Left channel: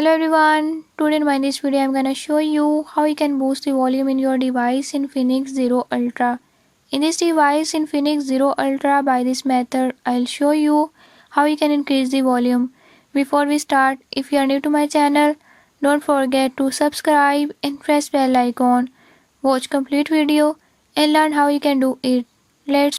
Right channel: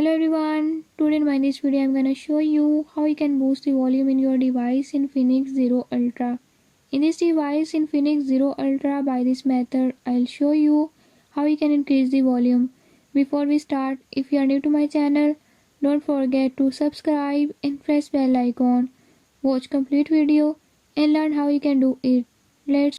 Hello everyone, today in this video I'm gonna show you how you can boost the volume in your device Infinix Zero Ultra. In this device Infinix Zero Ultra, by this method I'll show you how you can increase the volume. Before we start, if you are new to my channel, don't forget to subscribe and press bell icon. Watch complete video and learn how you can do it. Let's